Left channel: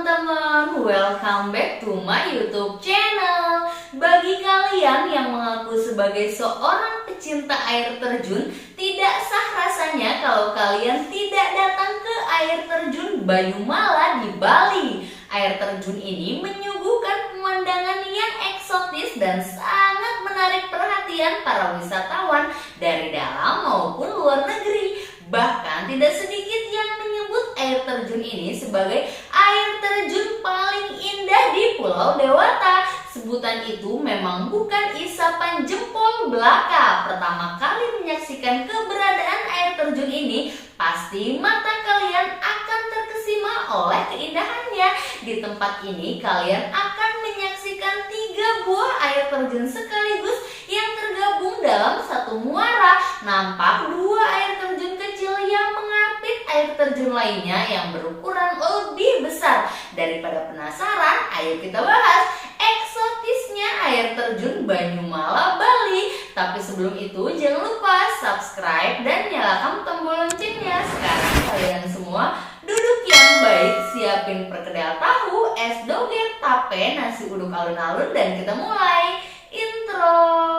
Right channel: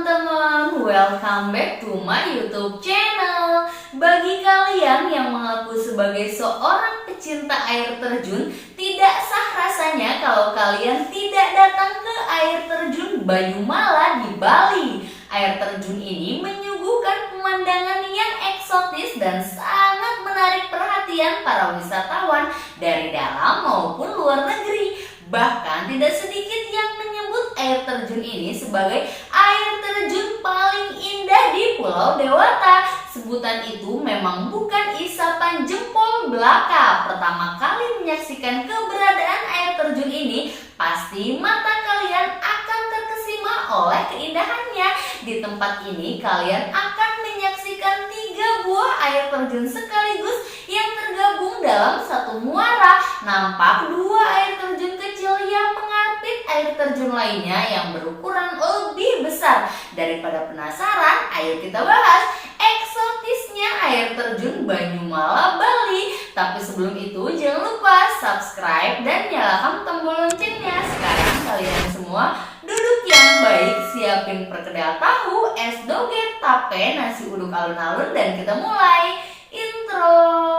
teman-teman, welcome back to my YouTube channel. Bagi kalian yang mengaku sebagai seorang pecinta air terjun, tidak sah rasanya kalau kalian tidak datang ke air terjun Banyumala di Bali. Air terjun ini menyuguhkan pemandangan yang eksotis dan sangat menarik perhatian para wisatawan dari dalam maupun luar negeri. Bahkan tidak sedikit yang menyebut air terjun ini sebagai air terjun paling indah di Pulau Dewata. Sebutan itu memang bukan isapan jempol belaka. Pertama kali menyaksikan keberadaan air terjun ini, pasti mata kalian akan terkesima oleh keindahannya. Di tempat ini kalian akan menyaksikan 3 buah air terjun sekaligus yang tergabung dalam satu muara. Nampak 2 air terjun kecil yang mengapit air terjun lainnya yang berukuran lebih besar. Daripada penasaran, ayo kita bahas eksotisnya air terjun Banyumala Bali. Tapi sebelum itu jangan lupa subscribe dan nyalakan tombol loncengnya. Sekarang kalian semua duduk yang baik, siapin perkedel tahu, es doger, tape, nasi uduk alun-alun, dan kita mulai intro.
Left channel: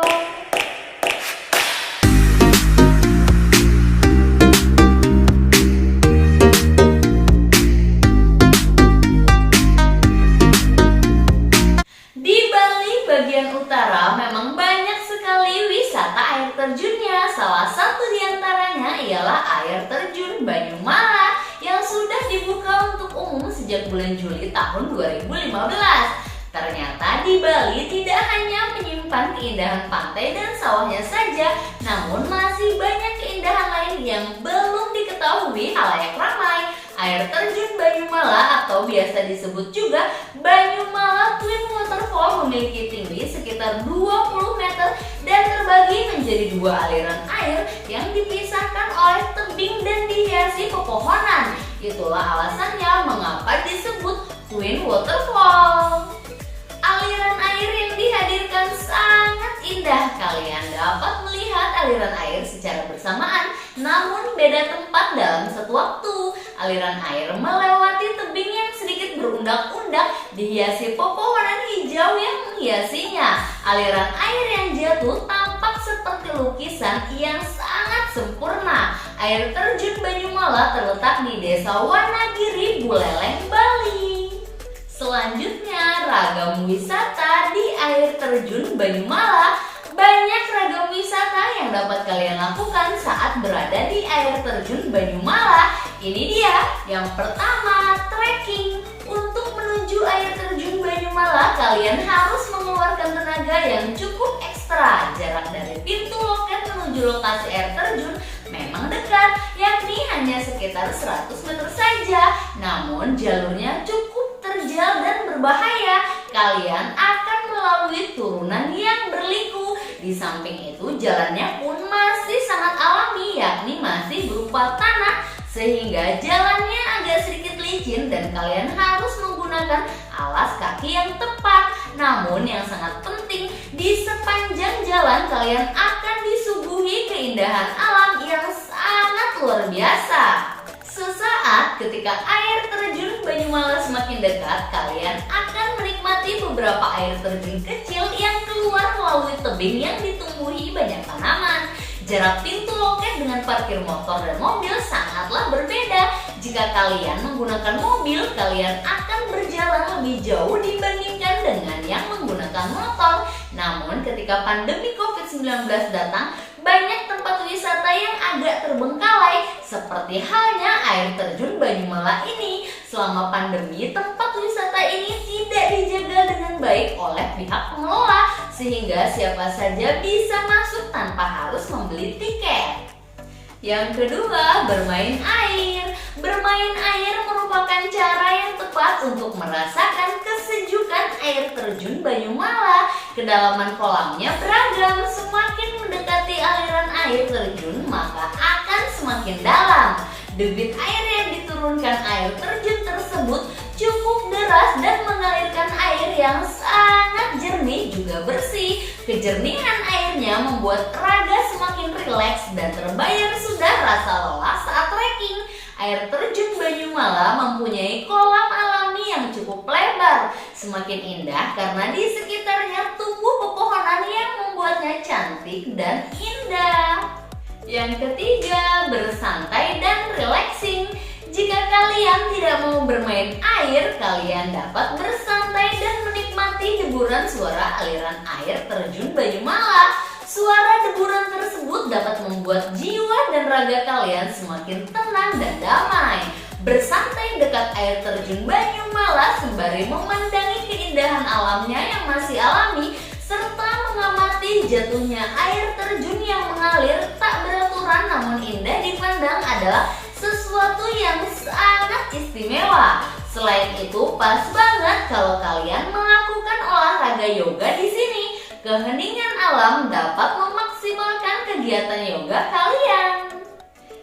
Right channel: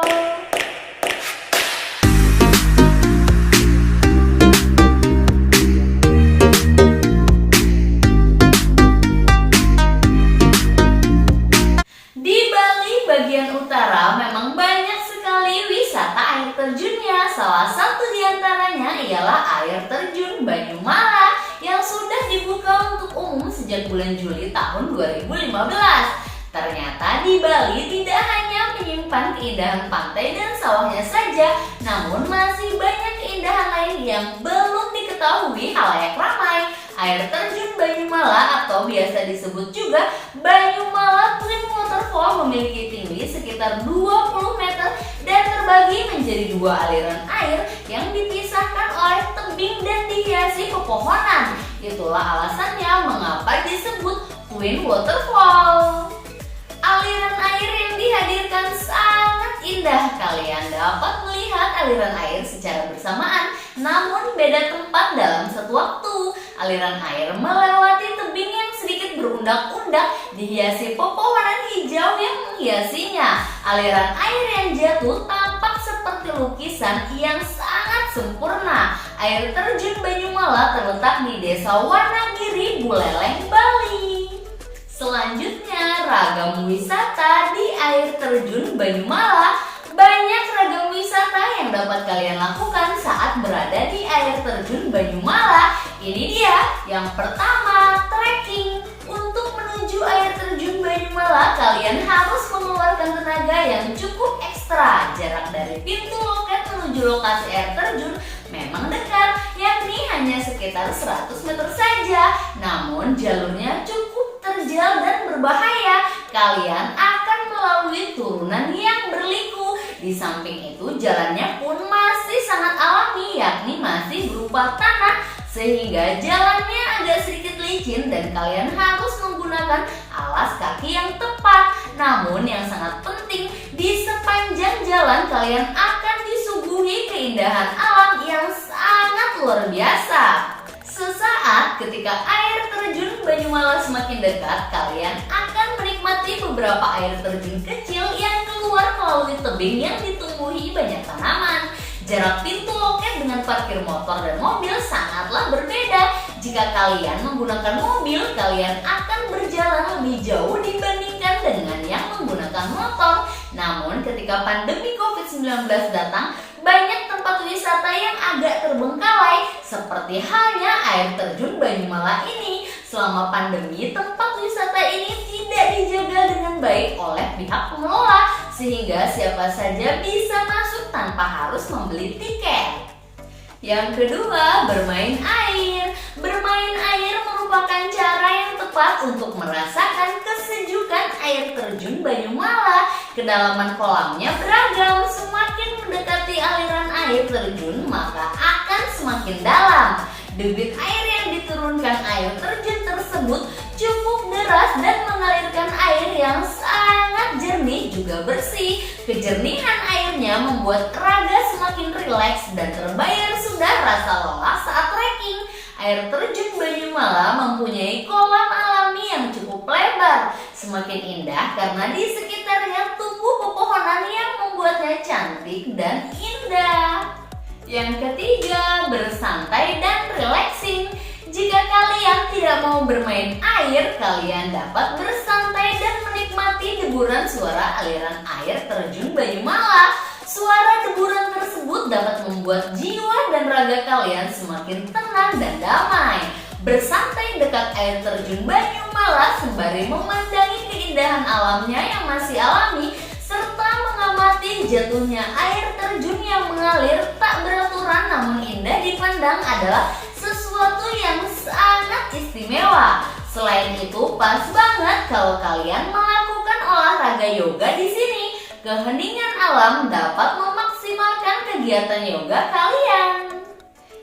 Di Bali bagian utara memang banyak sekali wisata air terjunnya. Salah satu diantaranya ialah air terjun Banyumala yang sudah dibuka untuk umum sejak bulan Juli tahun 2015. Ternyata di Bali tidak hanya menyimpan keindahan pantai dan sawahnya saja, namun masih banyak keindahan lain yang belum diketahui khalayak ramai. Air terjun Banyumala atau biasa disebut juga Banyumala Twin Waterfall memiliki tinggi sekitar 20 meter dan terbagi menjadi 2 aliran air yang dipisahkan oleh tebing dan dihiasi pepohonan. Itulah alasannya mengapa disebut Twin Waterfall. Aliran air yang dihadirkan sangat indah. Kalian dapat melihat aliran air secara bersamaan, namun beda tempat dalam satu waktu. Aliran air melewati tebing yang sedikit berundak-undak, dihiasi pepohonan hijau yang menghiasinya. Aliran air yang jatuh tampak seperti lukisan yang sangat sempurna. Air terjun Banyumala terletak di Desa Wanagiri, Buleleng, Bali. Selanjutnya, ragam wisata di air terjun Banyumala. Banyak ragam wisata yang dapat kalian lakukan saat berada di air terjun Banyumala. Ini dia, yang pertama, trekking. Untuk menuju air terjun Banyumala, kalian harus mengeluarkan tenaga yang cukup ekstra. Jarak dari pintu loket menuju lokasi air terjun memang dekat, yakni hanya sekitar 100 meter saja. Namun jalurnya cukup terjal dan berbahaya. Kalian akan melalui turunan yang berliku. Di samping itu jalannya pun masih sangat alami, yakni masih berupa tanah, sehingga jalannya agak sedikit licin dan kalian harus menggunakan alas kaki yang tepat. Namun yang sangat penting, di sepanjang jalan kalian akan disuguhi keindahan alam yang sangat luar biasa. Sesaat ketika air terjun Banyumala semakin dekat, kalian akan menikmati beberapa air terjun kecil yang keluar melalui tebing yang ditumbuhi banyak tanaman. Jarak pintu loket dengan parkir motor dan mobil sangatlah berbeda. Jika kalian menggunakan mobil, kalian akan berjalan lebih jauh dibandingkan dengan yang menggunakan motor. Namun ketika pandemi COVID-19 datang, banyak tempat wisata yang agak terbengkalai, seperti halnya air terjun Banyumala ini. Selama pandemi, tempat wisata ini tidak dijaga dengan baik oleh pihak pengelola, sehingga siapa saja bisa masuk tanpa harus membeli tiket. Yang kedua, bermain air. Bermain air merupakan cara yang tepat untuk merasakan kesejukan air terjun Banyumala. Kedalaman kolamnya beragam, semakin mendekati aliran air terjun maka akan semakin dalam. Debit air yang diturunkan air terjun tersebut cukup deras dan mengalirkan air yang sangat jernih juga bersih. Kejernihan airnya membuat raga semakin rileks dan terbayar sudah rasa lelah saat trekking. Air terjun Banyumala mempunyai kolam alami yang cukup semakin indah karena di sekitarnya tumbuh pepohonan yang membuatnya cantik dan indah. Yang ketiga, bersantai dan relaxing. Jika kalian tidak mau bermain air, kalian dapat bersantai dan menikmati deburan suara aliran air terjun Banyumala. Suara deburan tersebut dapat membuat jiwa dan raga kalian semakin tenang dan damai. Bersantai dekat air terjun Banyumala sembari memandangi keindahan alamnya yang masih alami, serta mengamati jatuhnya air terjun yang mengalir tak beraturan namun indah dipandang adalah sesuatu yang sangat istimewa. Selain itu, pas banget kalau kalian melakukan olahraga yoga di sini. Keheningan alam dapat memaksimalkan kegiatan yoga kalian.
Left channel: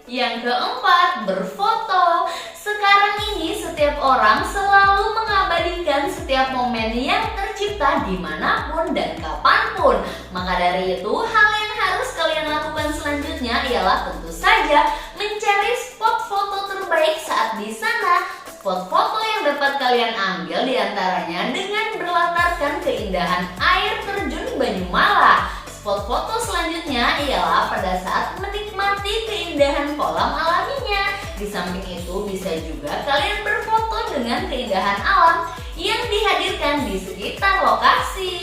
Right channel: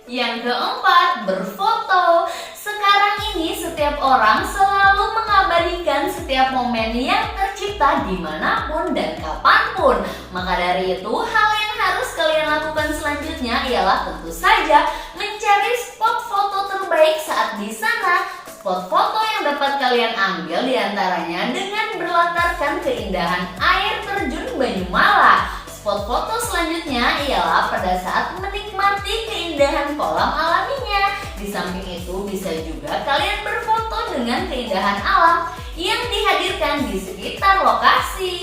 Yang keempat, berfoto. Sekarang ini setiap orang selalu mengabadikan setiap momen yang tercipta dimanapun dan kapanpun. Maka dari itu, hal yang harus kalian lakukan selanjutnya ialah tentu saja mencari spot foto terbaik saat di sana. Spot foto yang dapat kalian ambil diantaranya dengan berlatarkan keindahan air terjun Banyumala. Spot foto selanjutnya ialah pada saat menikmati keindahan kolam alaminya. Di samping itu bisa juga kalian berfoto dengan keindahan alam yang dihadirkan di sekitar lokasi.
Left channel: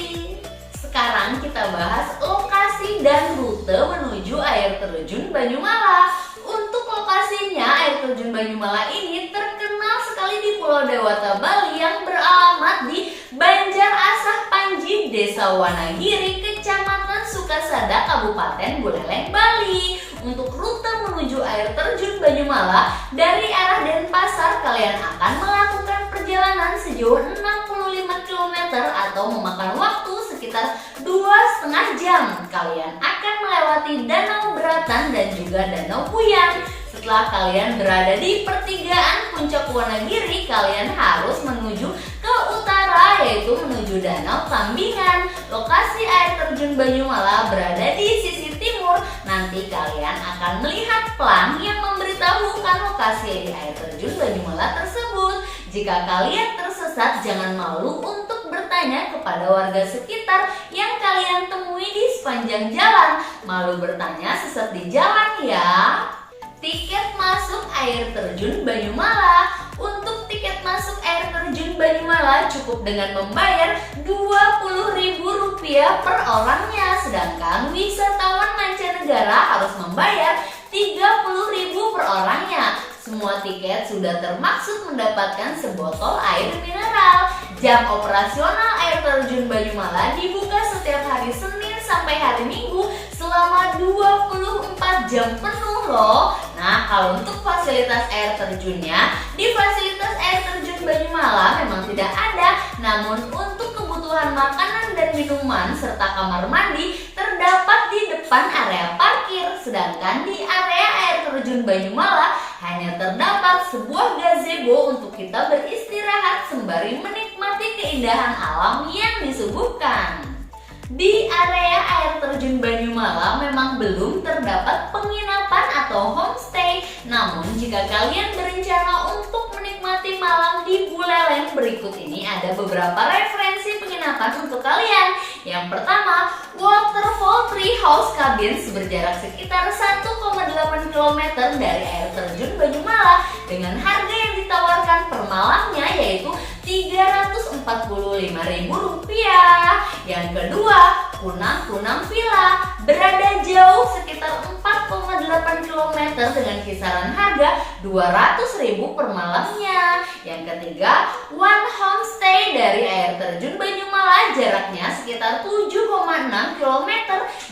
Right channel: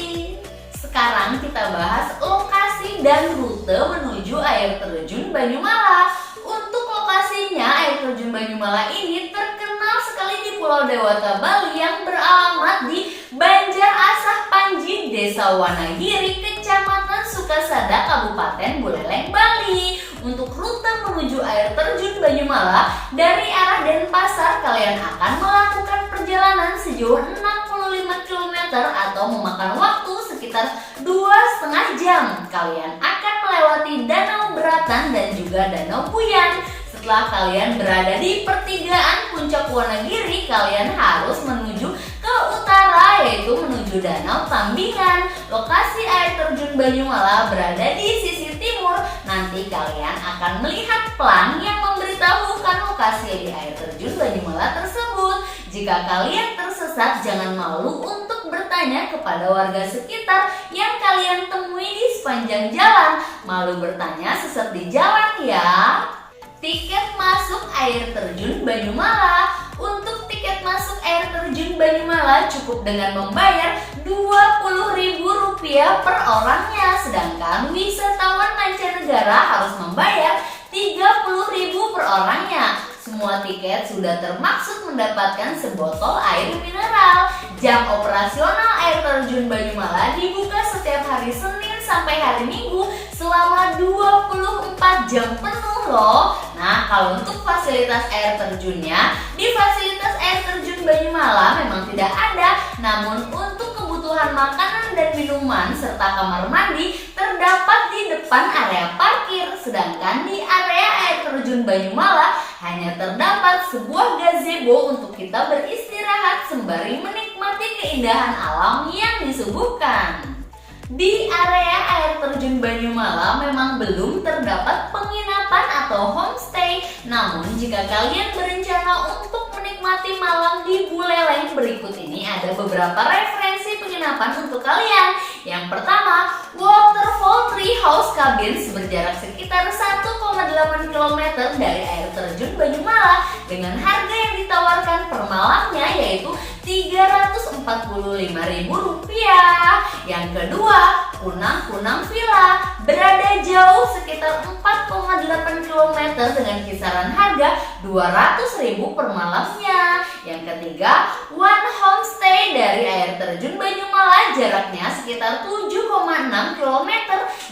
Sekarang kita bahas lokasi dan rute menuju air terjun Banyumala. Untuk lokasinya, air terjun Banyumala ini terkenal sekali di Pulau Dewata, Bali yang beralamat di Banjar Asah Panji, Desa Wanagiri, Kecamatan Sukasada, Kabupaten Buleleng, Bali. Untuk rute menuju air terjun Banyumala dari arah Denpasar, kalian akan melakukan perjalanan sejauh 65 km atau memakan waktu sekitar 2,5 jam. Kalian akan melewati Danau Beratan dan juga Danau Puyang. Setelah kalian berada di pertigaan Puncak Wanagiri, kalian harus menuju ke utara, yaitu menuju Danau Tambingan. Lokasi air terjun Banyumala berada di sisi timur. Nanti kalian akan melihat pelang yang memberitahukan lokasi di air terjun Banyumala tersebut. Jika kalian tersesat, jangan malu untuk bertanya kepada warga sekitar yang kalian temui di sepanjang jalan. Malu bertanya sesat di jalan ya. Tiket masuk air terjun Banyumala. Untuk tiket masuk air terjun Banyumala cukup dengan membayar Rp20.000 per orangnya. Sedangkan wisatawan mancanegara harus membayar Rp30.000 per orangnya. Semua tiket sudah termaksud mendapatkan sebotol air mineral. Jam operasional air terjun Banyumala dibuka setiap hari Senin sampai hari Minggu selama 24 jam penuh loh. Nah, kalau untuk fasilitas air terjunnya, di fasilitas air terjun Banyumala memang tidak ada. Namun untuk kebutuhan makanan dan minuman serta kamar mandi terdapat di depan area parkir. Sedangkan di area air terjun Banyumala hanya terdapat sebuah gazebo untuk kita beristirahat sembari menikmati keindahan alam yang disuguhkan. Di area air terjun Banyumala memang belum terdapat penginapan atau homestay. Namun jika kalian berencana untuk menikmati malam di Buleleng, berikut ini ada beberapa referensi penginapan untuk kalian. Yang pertama, Waterfall Tree House Cabins berjarak sekitar 1,8 km dari air terjun Banyumala dengan harga yang ditawarkan per malamnya yaitu Rp345.000. Yang kedua, Kunang Villa berada jauh sekitar 4,8 km dengan kisaran harga Rp200.000 per malamnya. Yang ketiga, One Homestay dari air terjun Banyumala jaraknya sekitar 7,6 km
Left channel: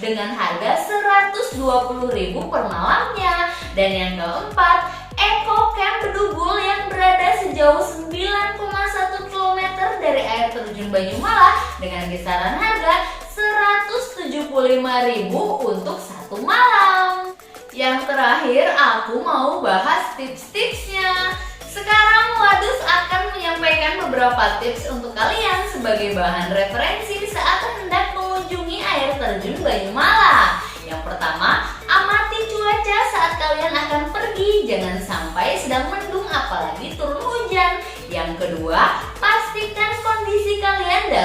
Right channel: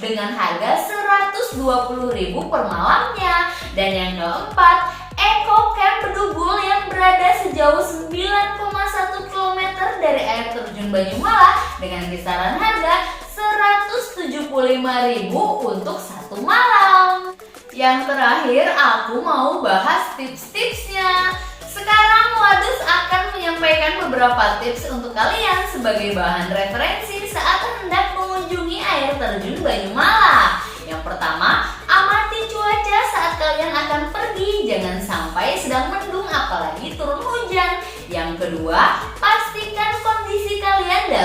dengan harga Rp120.000 per malamnya. Dan yang keempat, Eco Camp Bedugul yang berada sejauh 9,1 km dari air terjun Banyumala dengan kisaran harga Rp175.000 untuk satu malam. Yang terakhir, aku mau bahas tips-tipsnya. Sekarang Wadus akan menyampaikan beberapa tips untuk kalian sebagai bahan referensi saat hendak mengunjungi air terjun Banyumala. Yang pertama, amati cuaca saat kalian akan pergi, jangan sampai sedang mendung apalagi turun hujan. Yang kedua, pastikan kondisi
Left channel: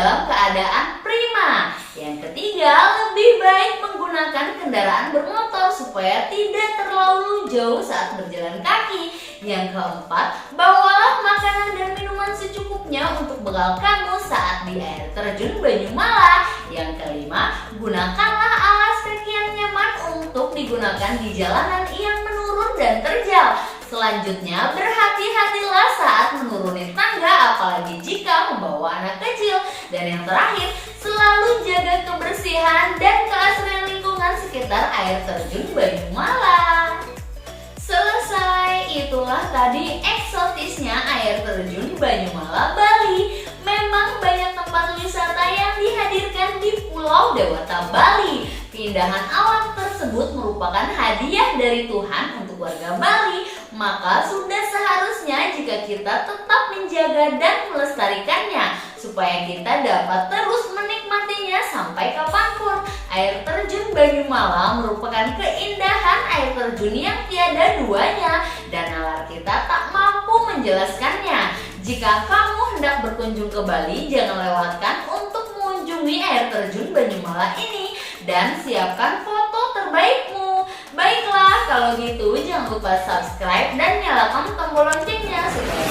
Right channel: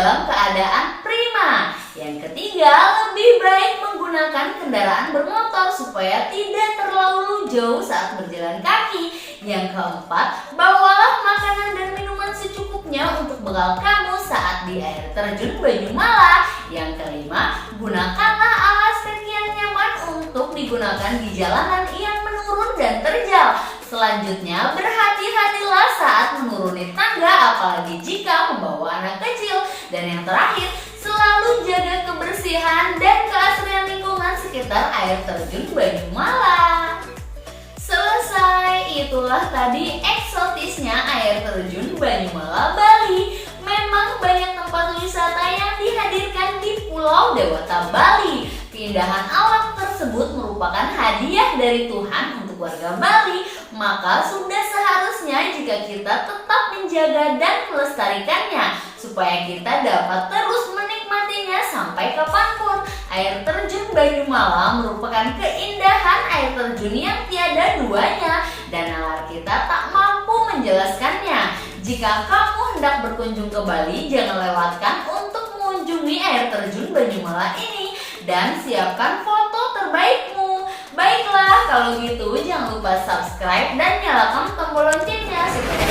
dalam keadaan prima. Yang ketiga, lebih baik menggunakan kendaraan bermotor supaya tidak terlalu jauh saat berjalan kaki. Yang keempat, bawalah makanan dan minuman secukupnya untuk bekal kamu saat di air terjun Banyumala. Yang kelima, gunakanlah alas kaki yang nyaman untuk digunakan di jalanan yang menurun dan terjal. Selanjutnya, berhati-hatilah saat menuruni tangga, apalagi jika membawa anak kecil. Dan yang terakhir, selalu jaga kebersihan dan keasrian lingkungan sekitar air terjun Banyumala. Selesai, itulah tadi eksotisnya air terjun Banyumala, Bali. Memang banyak tempat wisata yang dihadirkan di Pulau Dewata, Bali. Keindahan alam tersebut merupakan hadiah dari Tuhan untuk warga Bali. Maka sudah seharusnya jika kita tetap menjaga dan melestarikannya, supaya kita dapat terus menikmatinya sampai kapanpun. Air terjun Banyumala merupakan keindahan air terjun yang tiada duanya, dan nalar kita tak mampu menjelaskannya. Jika kamu hendak berkunjung ke Bali, jangan lewatkan untuk mengunjungi air terjun Banyumala ini dan siapkan foto terbaikmu. Baiklah, kalau gitu jangan lupa subscribe dan nyalakan tombol loncengnya supaya